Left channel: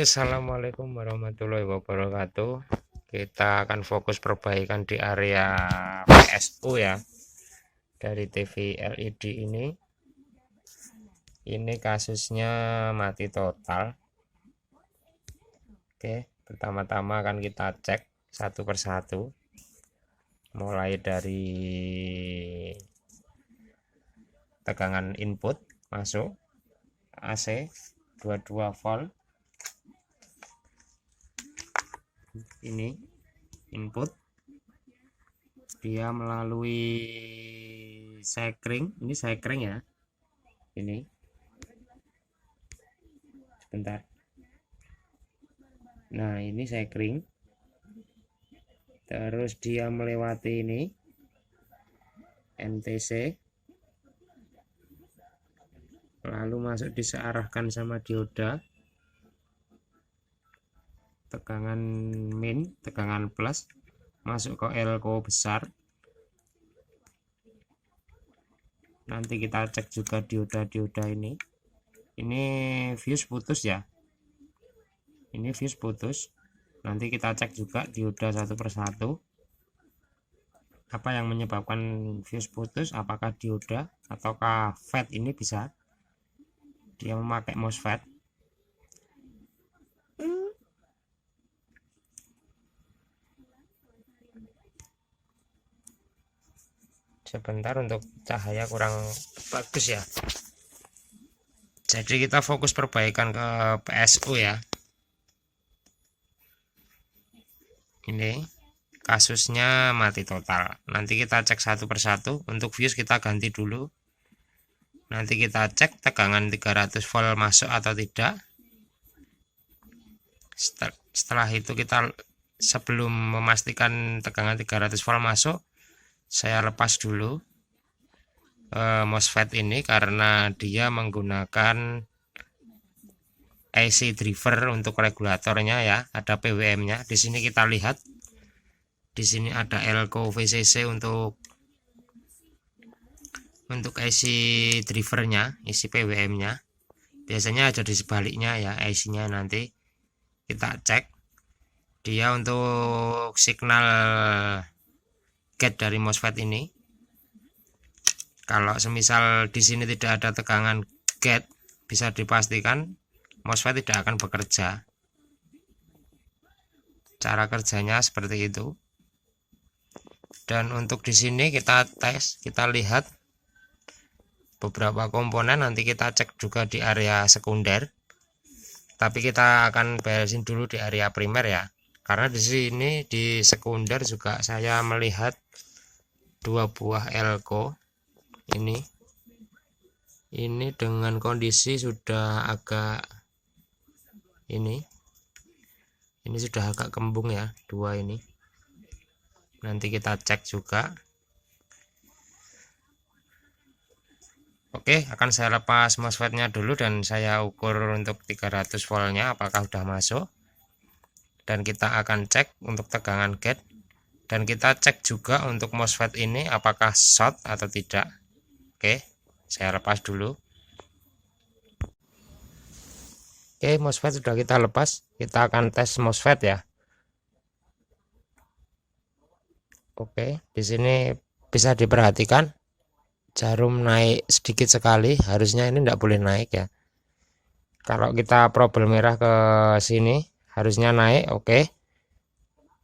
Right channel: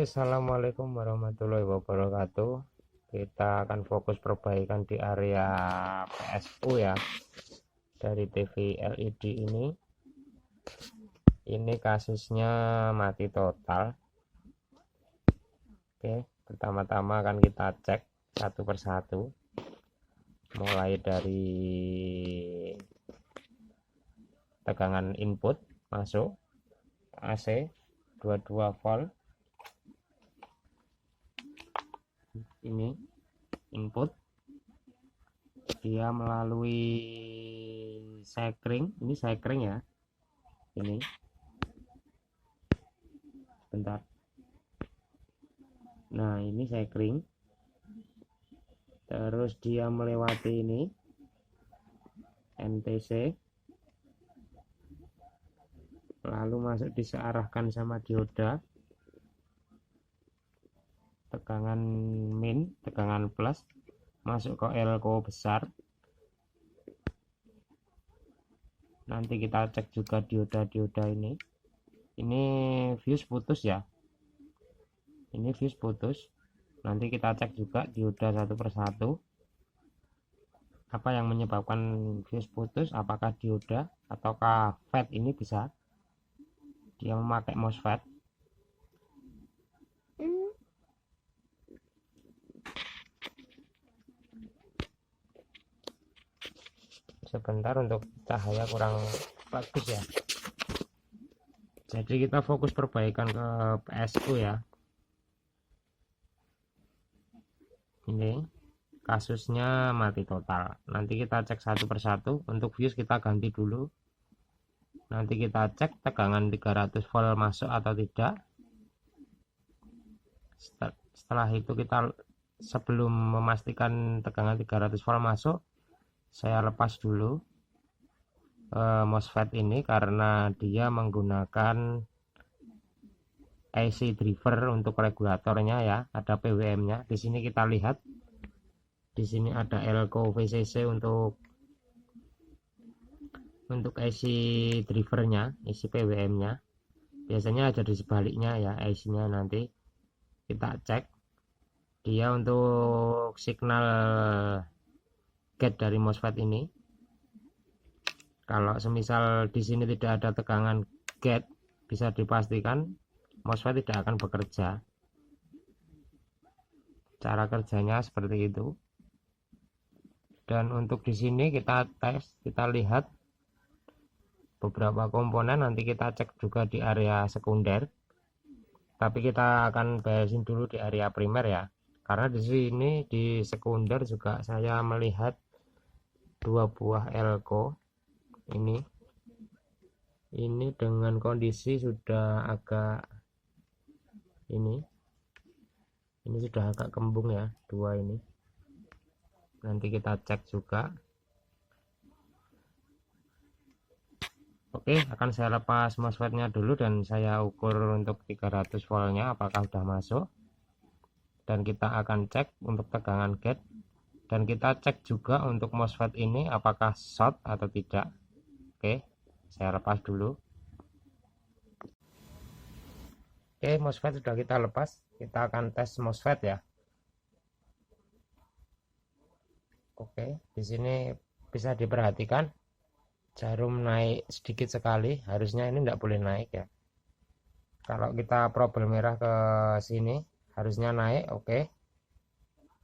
Oke, assalamualaikum warahmatullahi wabarakatuh. Kita akan fokus perbaikan di area PSU ya, dari TV LED ini. Ini kasusnya mati total. Oke, pertama-tama akan kita cek satu persatu, mulai dari tegangan input masuk AC 22 volt. Ini input, dia melalui sekring, ini sekring ya, ini sebentar. Nah, ini sekring, terus dia melewati ini NTC, lalu masuk disearahkan sama dioda, tegangan min, tegangan plus, masuk ke elko besar. Nanti kita cek juga dioda-dioda ini fuse putus ya, ini fuse putus. Nanti kita cek juga dioda satu persatu, apa yang menyebabkan fuse putus, apakah dioda ataukah FET. Ini bisa dia memakai MOSFET. Sebentar, untuk cahaya kurang bagus ya, jadi kita fokus perbaikan ke PSU ya. Ini kasusnya mati total. Nanti kita cek satu persatu. Untuk fuse kita ganti dulu, nanti kita cek tegangan 300 volt masuk atau tidak. Setelah itu kita, sebelum memastikan tegangan 300 volt masuk, saya lepas dulu MOSFET ini karena dia menggunakan AC driver untuk regulatornya ya, ada PWM-nya. Di sini kita lihat, di sini ada elko VCC untuk AC drivernya, isi PWM-nya. Biasanya ada di sebaliknya ya, AC-nya. Nanti kita cek dia untuk signal gate dari MOSFET ini. Kalau semisal di sini tidak ada tegangan gate, bisa dipastikan MOSFET tidak akan bekerja. Cara kerjanya seperti itu. Dan untuk di sini kita tes, kita lihat beberapa komponen, nanti kita cek juga di area sekunder. Tapi kita akan beresin dulu di area primer ya. Karena di sini di sekunder juga saya melihat dua buah elko ini dengan kondisi sudah agak ini sudah agak kembung ya, dua ini. Nanti kita cek juga. Oke, akan saya lepas MOSFET-nya dulu dan saya ukur untuk 300 voltnya apakah sudah masuk. Dan kita akan cek untuk tegangan gate, dan kita cek juga untuk MOSFET ini apakah short atau tidak. Oke, saya lepas dulu. Oke, MOSFET sudah kita lepas. Kita akan tes MOSFET ya. Oke, di sini bisa diperhatikan jarum naik sedikit sekali. Harusnya ini tidak boleh naik ya. Kalau kita probel merah ke sini harusnya naik, oke.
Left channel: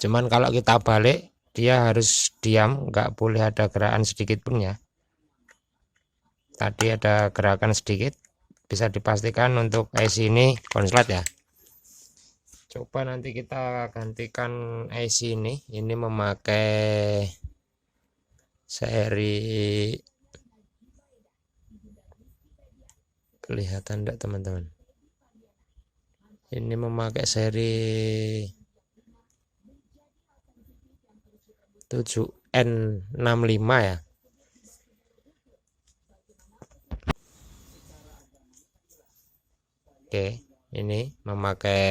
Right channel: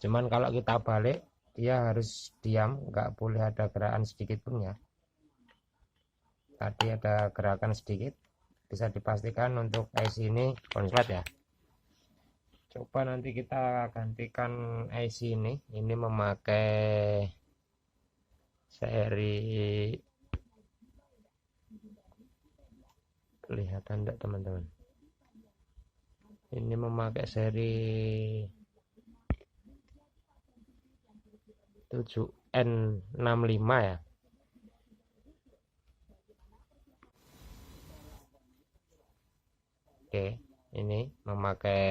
Cuman kalau kita balik, dia harus diam, nggak boleh ada gerakan sedikit pun ya. Tadi ada gerakan sedikit, bisa dipastikan untuk IC ini konslet ya. Coba nanti kita gantikan IC ini memakai seri, kelihatan enggak teman-teman? Ini memakai seri 7N65 ya. Oke, ini memakai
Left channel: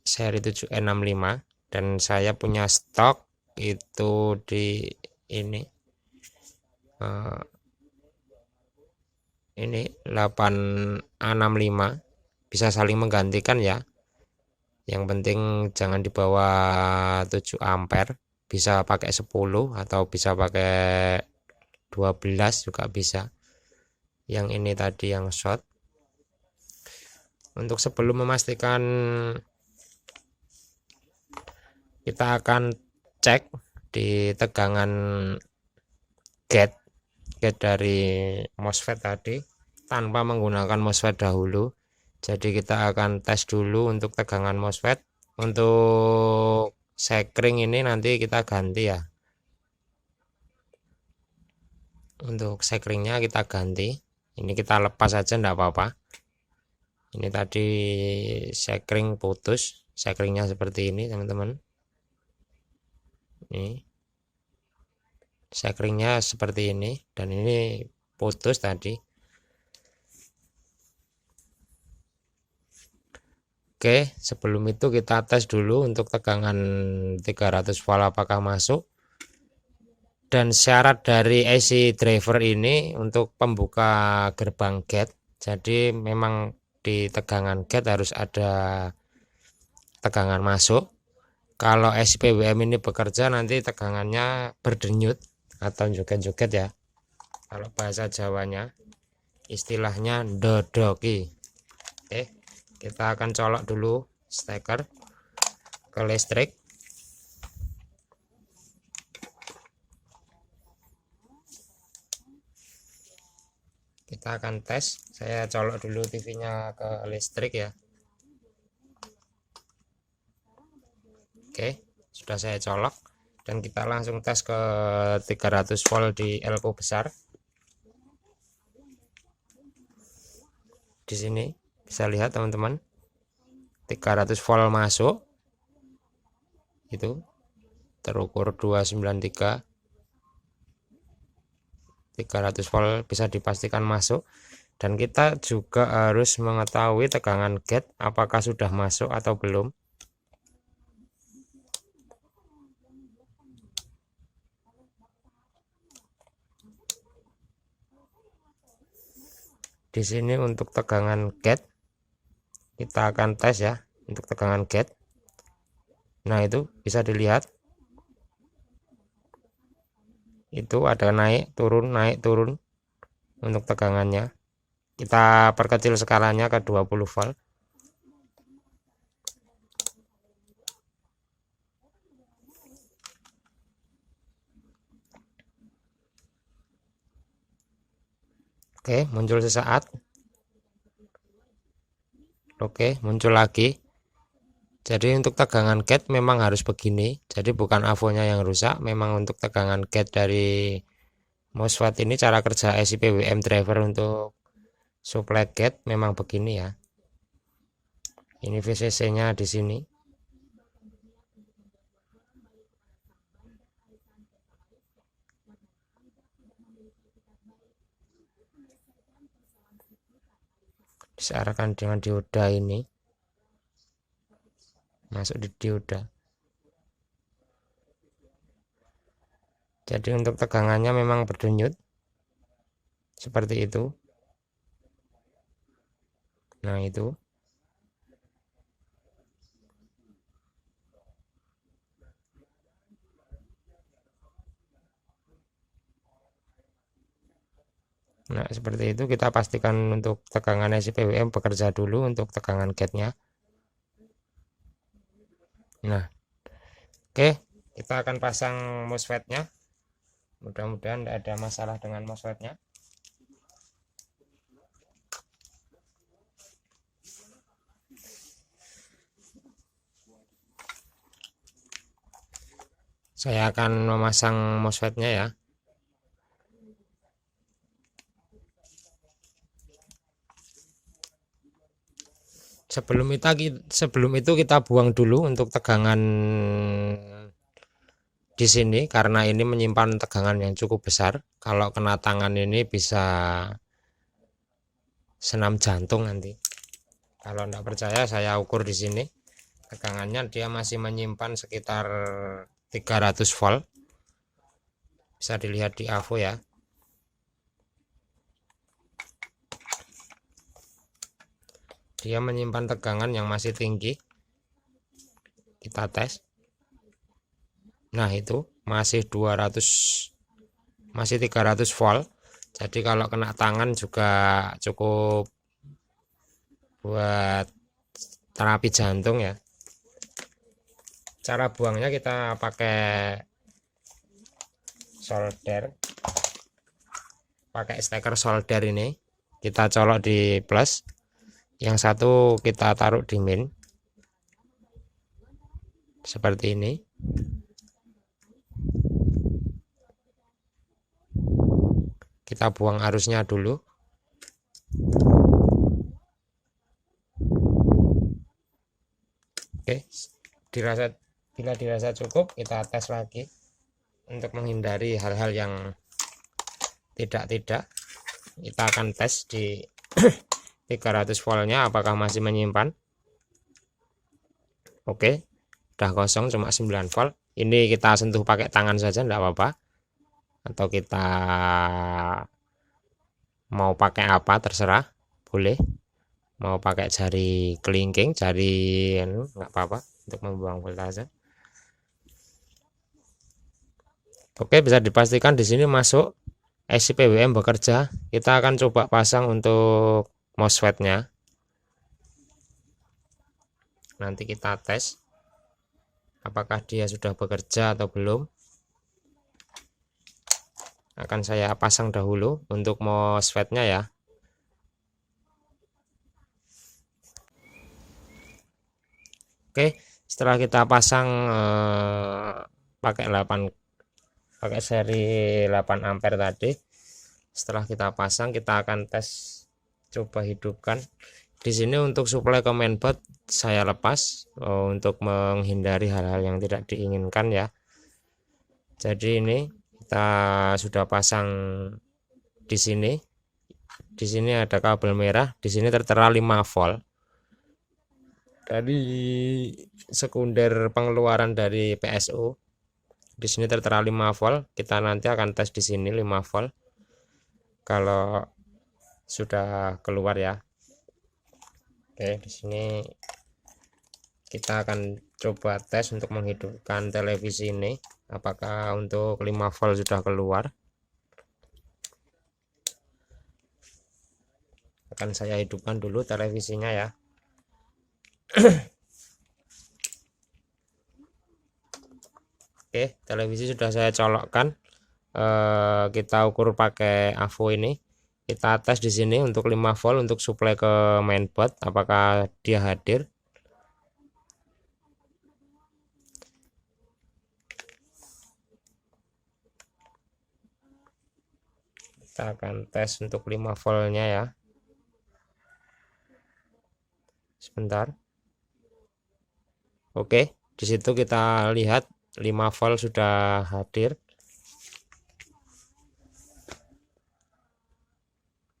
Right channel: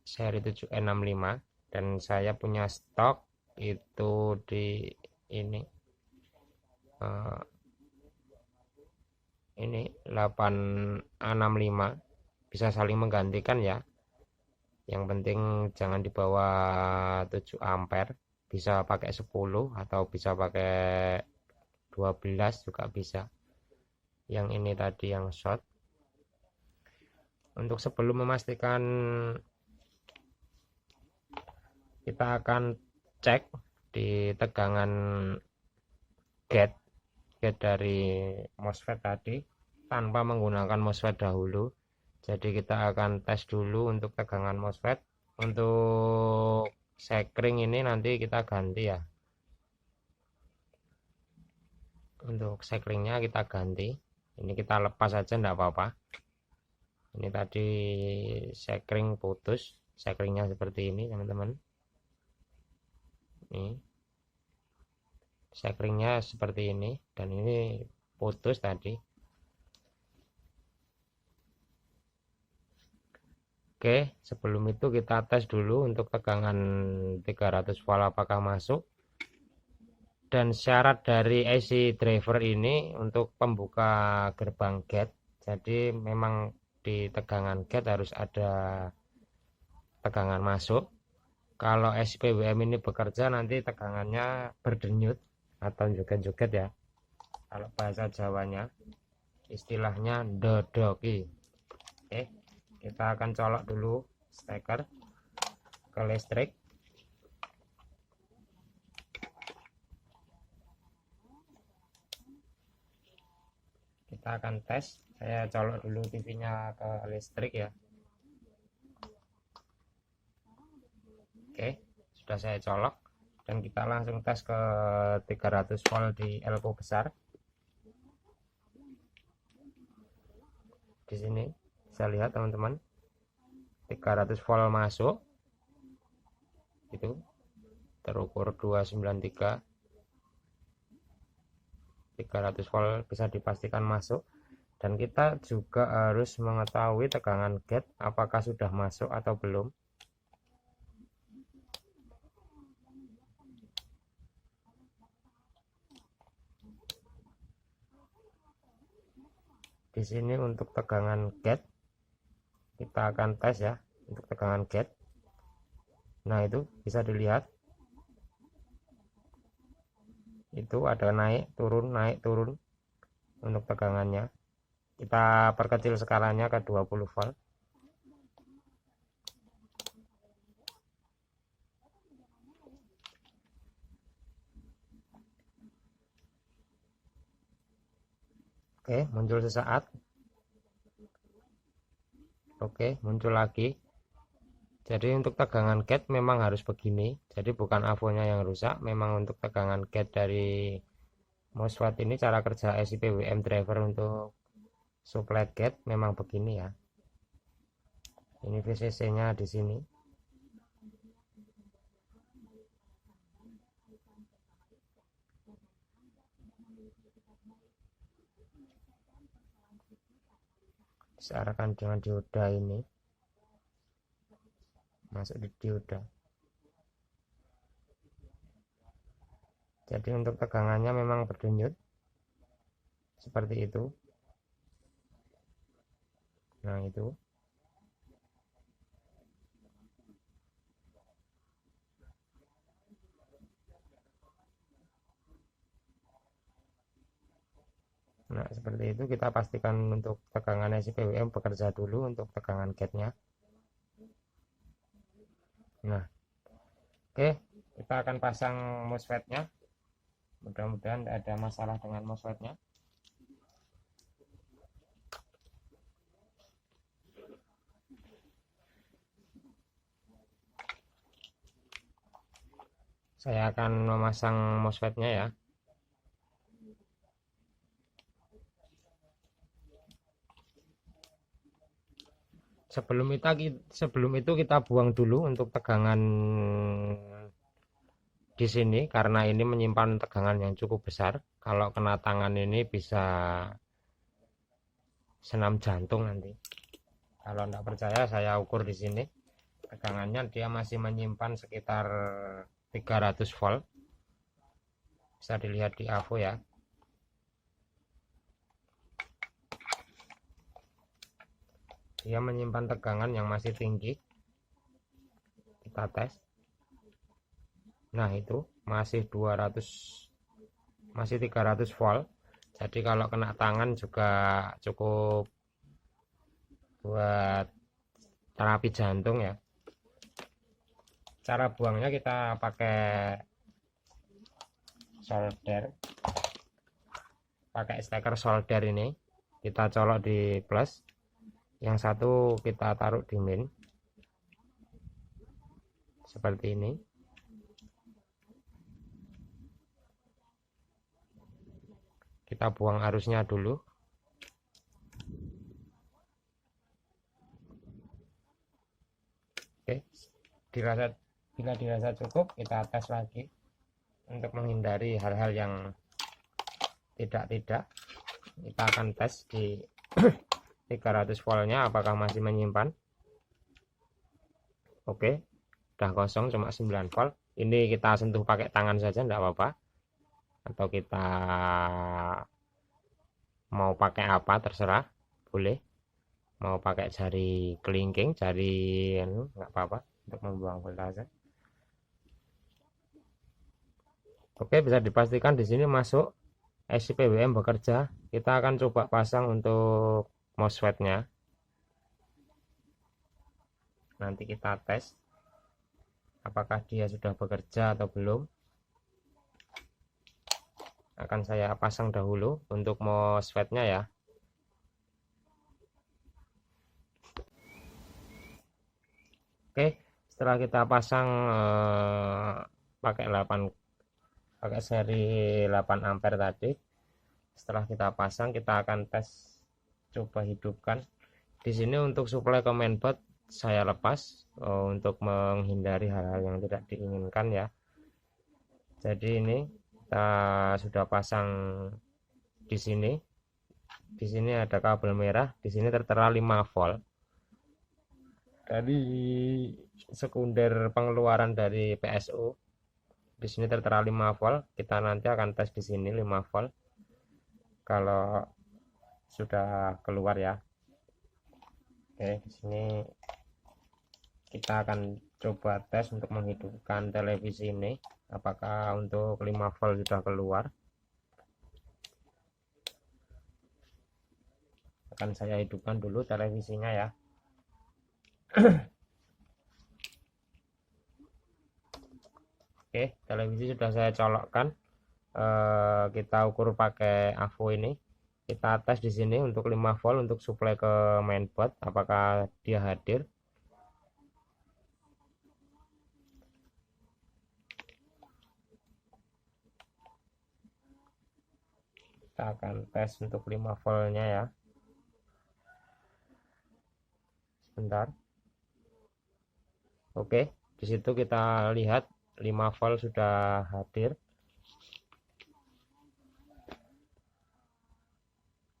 seri 7N65 dan saya punya stok itu di ini 8A65, bisa saling menggantikan ya. Yang penting jangan di bawah 7 ampere, bisa pakai 10 atau bisa pakai 12 juga bisa. Yang ini tadi yang short. Untuk sebelum memastikan, kita akan cek di tegangan gate dari MOSFET tadi tanpa menggunakan MOSFET dahulu. Jadi kita akan tes dulu untuk tegangan MOSFET. Untuk sekring ini nanti kita ganti ya. Untuk sekringnya kita ganti. Ini kita lepas saja enggak apa-apa. Ini tadi sekring putus, sekringnya seperti ini teman-teman. Ini sekringnya seperti ini dan ini putus tadi. Oke, sebelum itu kita tes dulu untuk tegangan 300 volt apakah masuk. Dan syarat dari AC driver ini untuk pembuka gerbang gate. Jadi memang di tegangan gate harus ada tegangan masuk. Kalau SPWM ini bekerja nanti tegangannya berdenyut atau joget-joget ya. Kalau bahasa Jawanya istilahnya dodoki. Oke, kita akan colok dulu steker ke listrik. Kita akan tes. Saya colok dulu TV-nya ke listrik ya. Oke, sudah saya colok dan kita langsung tes ke 300 volt di elko besar. Di sini bisa lihat teman-teman, 300 volt masuk. Itu terukur 293. 300 volt bisa dipastikan masuk. Dan kita juga harus mengetahui tegangan gate apakah sudah masuk atau belum. Di sini untuk tegangan gate kita akan tes ya, untuk tegangan gate. Nah, itu bisa dilihat. Itu ada naik turun untuk tegangannya. Kita perkecil skalanya ke 20 volt. Oke, muncul sesaat. Oke, muncul lagi. Jadi untuk tegangan gate memang harus begini. Jadi bukan avonya yang rusak, memang untuk tegangan gate dari MOSFET ini cara kerja SIPWM driver untuk supply gate memang begini ya. Ini VCC-nya di sini. Disearahkan dengan dioda ini. Masuk di dioda. Jadi untuk tegangannya memang berdenyut. Seperti itu. Nah, itu. Nah, seperti itu kita pastikan untuk tegangan SPWM bekerja dulu untuk tegangan gate-nya. Nah, oke, kita akan pasang MOSFET-nya. Mudah-mudahan tidak ada masalah dengan MOSFET-nya. Saya akan memasang MOSFET-nya ya. Sebelum itu kita buang dulu untuk tegangan di sini karena ini menyimpan tegangan yang cukup besar. Kalau kena tangan ini bisa senam jantung nanti. Kalau tidak percaya saya ukur di sini. Tegangannya dia masih menyimpan sekitar 300 volt. Bisa dilihat di AVO ya. Di dia menyimpan tegangan yang masih tinggi. Kita tes. Nah, itu masih 300 volt. Jadi kalau kena tangan juga cukup buat terapi jantung ya. Cara buangnya kita pakai solder, pakai steker solder ini. Kita colok di plus, yang satu kita taruh di min, seperti ini. Kita buang arusnya dulu. Oke, bila dirasa cukup, kita tes lagi untuk menghindari hal-hal yang tidak. Kita akan tes di 300 voltnya apakah masih menyimpan. Oke, udah kosong, cuma 9 volt. Ini kita sentuh pakai tangan saja, enggak apa-apa. Atau kita mau pakai apa terserah, boleh. Mau pakai jari kelingking, jari enggak apa-apa untuk membuang voltase. Oke, bisa dipastikan di sini masuk IC PWM bekerja. Kita akan coba pasang untuk MOSFET-nya. Nanti kita tes apakah dia sudah bekerja atau belum. Akan saya pasang dahulu untuk MOSFET-nya ya. Oke, setelah kita pasang pakai seri 8 ampere tadi, setelah kita pasang kita akan tes, coba hidupkan. Di sini untuk suplai ke mainboard saya lepas untuk menghindari hal-hal yang tidak diinginkan ya. Jadi ini kita sudah pasang di sini. Di sini ada kabel merah, di sini tertera 5 volt. Dari sekunder pengeluaran dari PSU. Di sini tertera 5 volt. Kita nanti akan tes di sini 5 volt. Kalau sudah keluar ya. Oke, di sini kita akan coba tes untuk menghidupkan televisi ini. Apakah untuk 5 volt sudah keluar. Akan saya hidupkan dulu televisinya ya. Oke, televisi sudah saya colokkan. Kita ukur pakai AVO ini. Kita tes di sini untuk 5 volt untuk suplai ke mainboard, apakah dia hadir. Kita akan tes untuk 5 voltnya ya. Sebentar. Oke, di situ kita lihat 5 volt sudah hadir.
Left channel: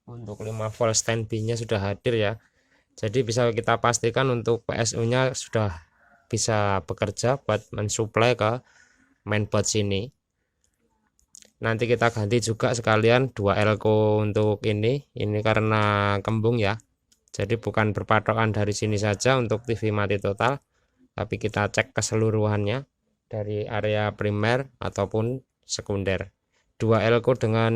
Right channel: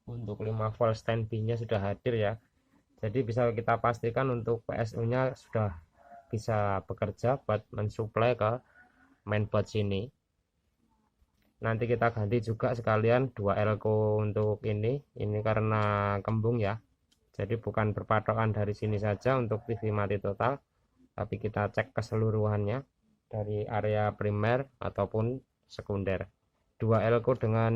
Untuk 5 volt standby-nya sudah hadir ya. Jadi bisa kita pastikan untuk PSU-nya sudah bisa bekerja buat mensuplai ke mainboard sini. Nanti kita ganti juga sekalian 2 elko untuk ini karena kembung ya. Jadi bukan berpatokan dari sini saja untuk TV mati total, tapi kita cek keseluruhannya dari area primer ataupun sekunder. 2 elko dengan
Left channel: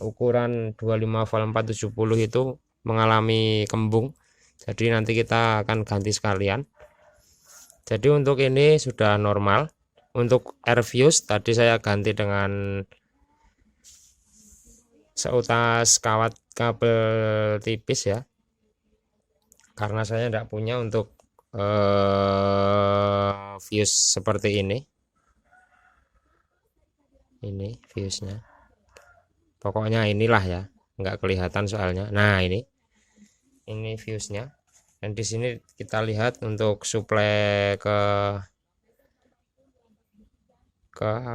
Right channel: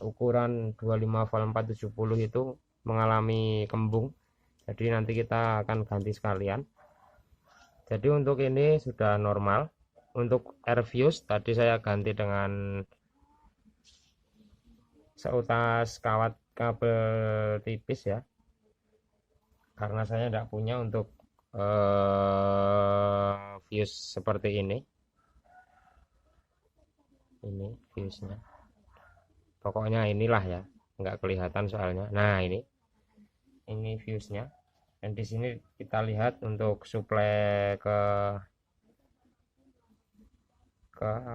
ukuran 25 volt 470 itu mengalami kembung. Jadi nanti kita akan ganti sekalian. Jadi untuk ini sudah normal. Untuk air fuse tadi saya ganti dengan seutas kawat kabel tipis ya. Karena saya tidak punya untuk fuse seperti ini. Ini fuse-nya. Pokoknya inilah ya, nggak kelihatan soalnya. Nah, ini fuse-nya. Dan di sini kita lihat untuk suplai ke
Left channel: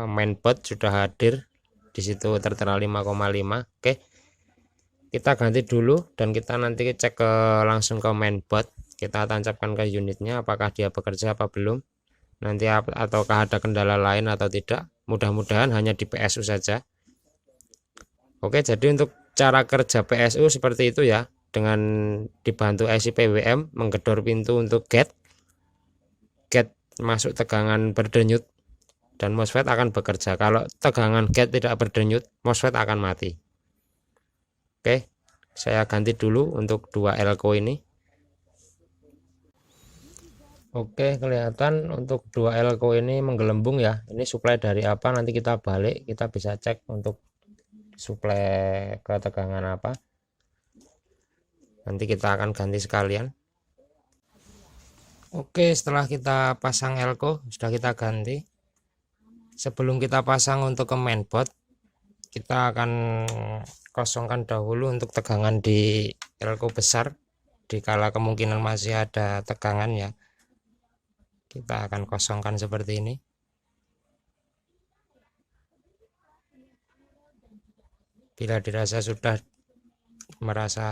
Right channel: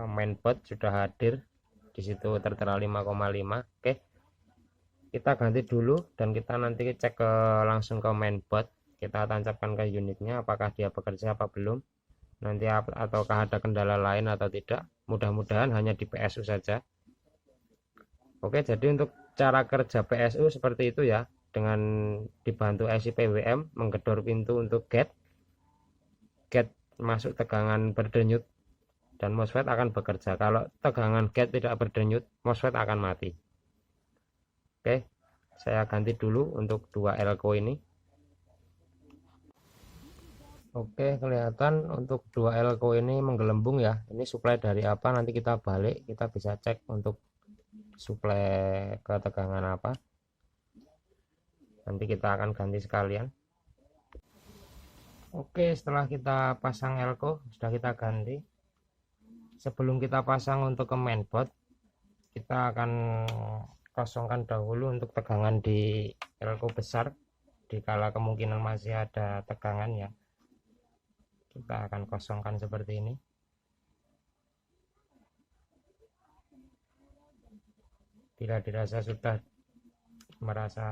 mainboard sudah hadir. Di situ tertera 5,5. Oke. Kita ganti dulu dan kita nanti cek langsung ke mainboard. Kita tancapkan ke unitnya apakah dia bekerja apa belum. Nanti ataukah ada kendala lain atau tidak. Mudah-mudahan hanya di PSU saja. Oke, jadi untuk cara kerja PSU seperti itu ya. dengan dibantu IC PWM menggedor pintu untuk gate masuk tegangan berdenyut dan MOSFET akan bekerja. Kalau tegangan gate tidak berdenyut, MOSFET akan mati. Oke, saya ganti dulu untuk 2 elko ini. Oke, kelihatan untuk 2 elko ini menggelembung ya. Ini suplai dari apa, nanti kita balik, kita bisa cek untuk suplai ke tegangan apa. Nanti kita akan ganti sekalian. Oke, setelah kita pasang elko, sudah kita ganti. Sebelum kita pasang untuk ke mainboard, kita akan kosongkan dahulu untuk tegangan di elko besar. Dikala kemungkinan masih ada tegangan ya, kita akan kosongkan seperti ini. Bila dirasa sudah merasa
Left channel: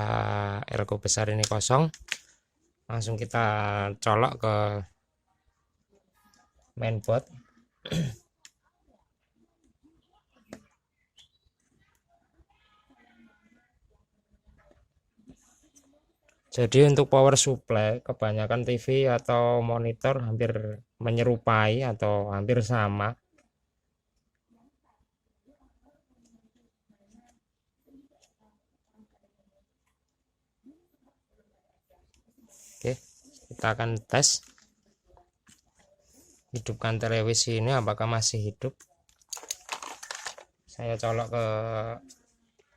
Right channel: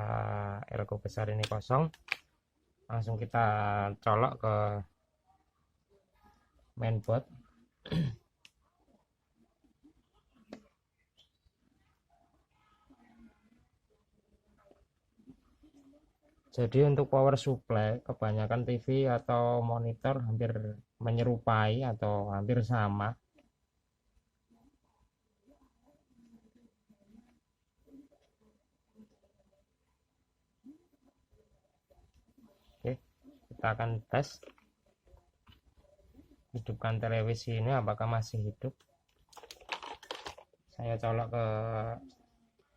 elko besar ini kosong, langsung kita colok ke mainboard. Jadi untuk power supply kebanyakan TV atau monitor hampir menyerupai atau hampir sama. Oke, kita akan tes. Hidupkan televisi ini apakah masih hidup. Saya colok ke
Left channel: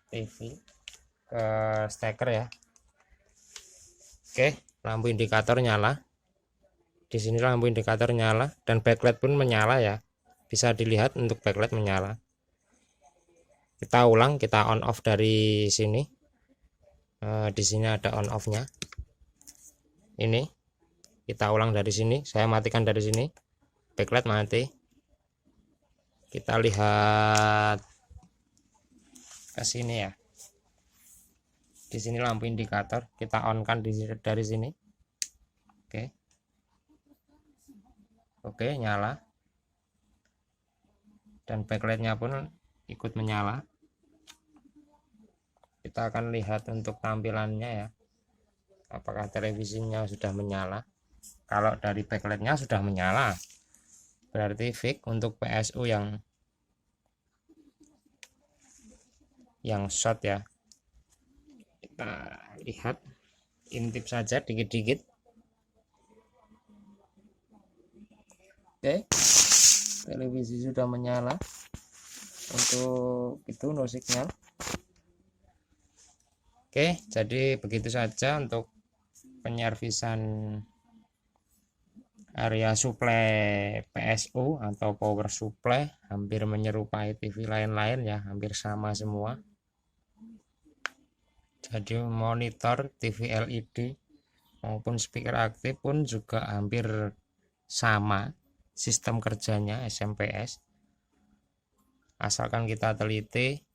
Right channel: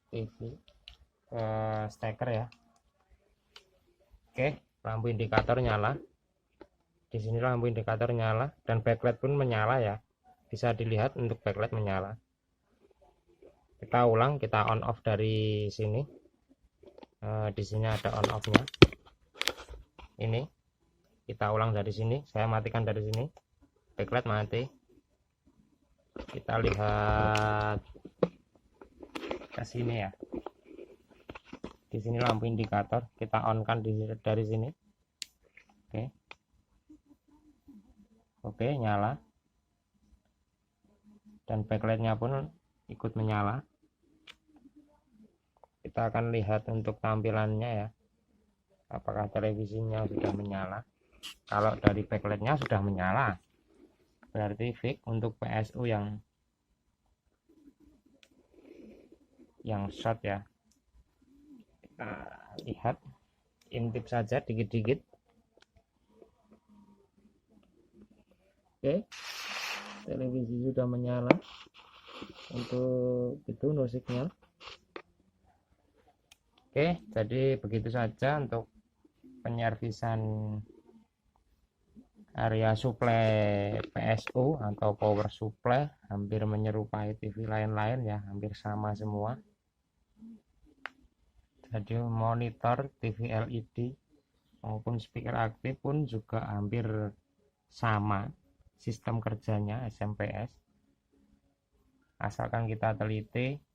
TV, ke steker ya. Oke, lampu indikator nyala. Di sini lampu indikator nyala dan backlight pun menyala ya. Bisa dilihat untuk backlight menyala. Kita ulang, kita on off dari sini. Di sini ada on off-nya. Ini kita ulang dari sini. Saya matikan dari sini. Backlight mati. Kita lihat ke sini ya. Di sini lampu indikator kita on kan dari sini. Oke, nyala. Dan backlightnya pun ikut menyala. Kita akan lihat untuk tampilannya ya, apakah televisinya sudah menyala. Kalau dari backlightnya sudah menyala, berarti fix untuk PSU yang short ya. Kita lihat, intip saja dikit-dikit. Oke, televisi sudah menyala. Untuk itu no signal. Oke, jadi begitu saja untuk penyervisan area supply PSU atau power supply. Hampir menyerupai TV lain-lain ya, hampir sama semua. Jadi monitor TV LED maupun speaker aktif pun juga hampir sama sistem kerjanya SMPS. Asalkan kita teliti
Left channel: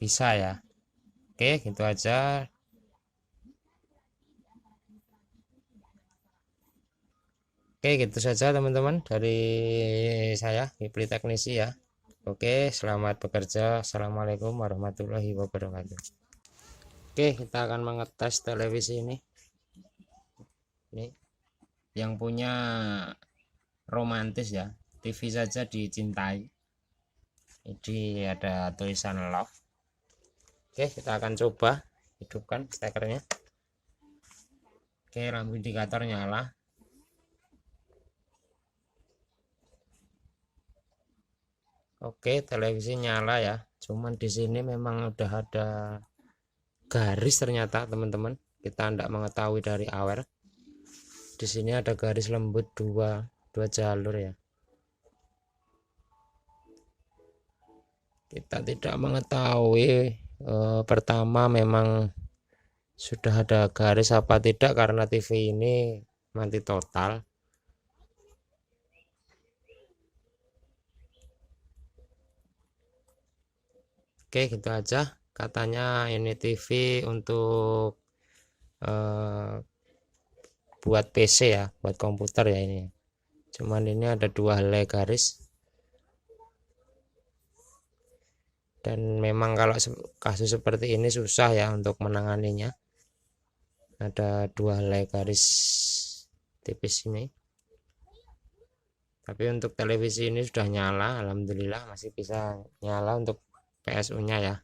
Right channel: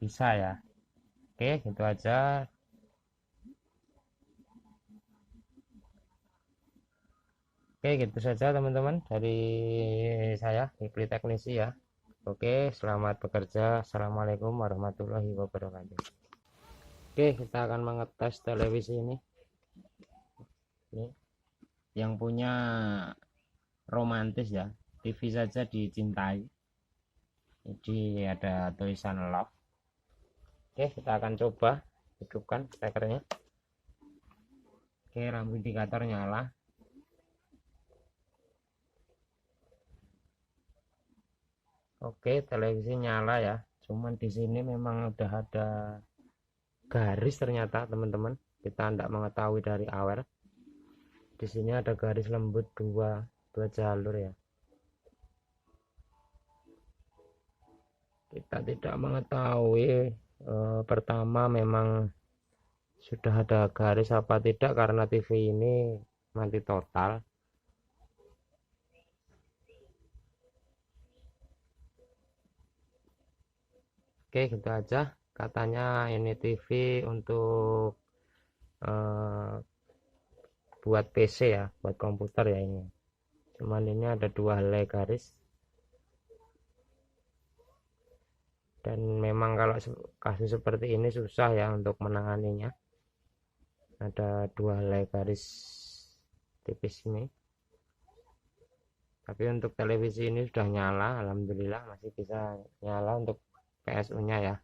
bisa ya. Oke, gitu aja. Oke, gitu saja teman-teman dari saya, Hipli Teknisi ya. Oke, selamat bekerja. Assalamualaikum warahmatullahi wabarakatuh. Oke, kita akan mengetes televisi ini. Ini yang punya romantis ya, TV saja dicintai. Jadi ada tulisan love. Oke, kita akan coba hidupkan stekernya. Oke, lampu indikator nyala. Oke, televisi nyala ya. Cuman di sini memang udah ada garis ternyata teman-teman. Kita tidak mengetahui dari awal. Di sini ada garis lembut dua jalur ya. Kita tidak mengetahui pertama memang sudah ada garis apa tidak karena TV ini mati total. Oke, gitu aja. Katanya ini TV untuk buat PC ya, buat komputer ya ini. Cuman ini ada dua helai garis. Dan memang kalau kasus seperti ini susah ya untuk menanganinya. ada dua helai garis tipis ini. Tapi untuk televisi ini sudah nyala, alhamdulillah masih bisa nyala untuk PSU nya ya.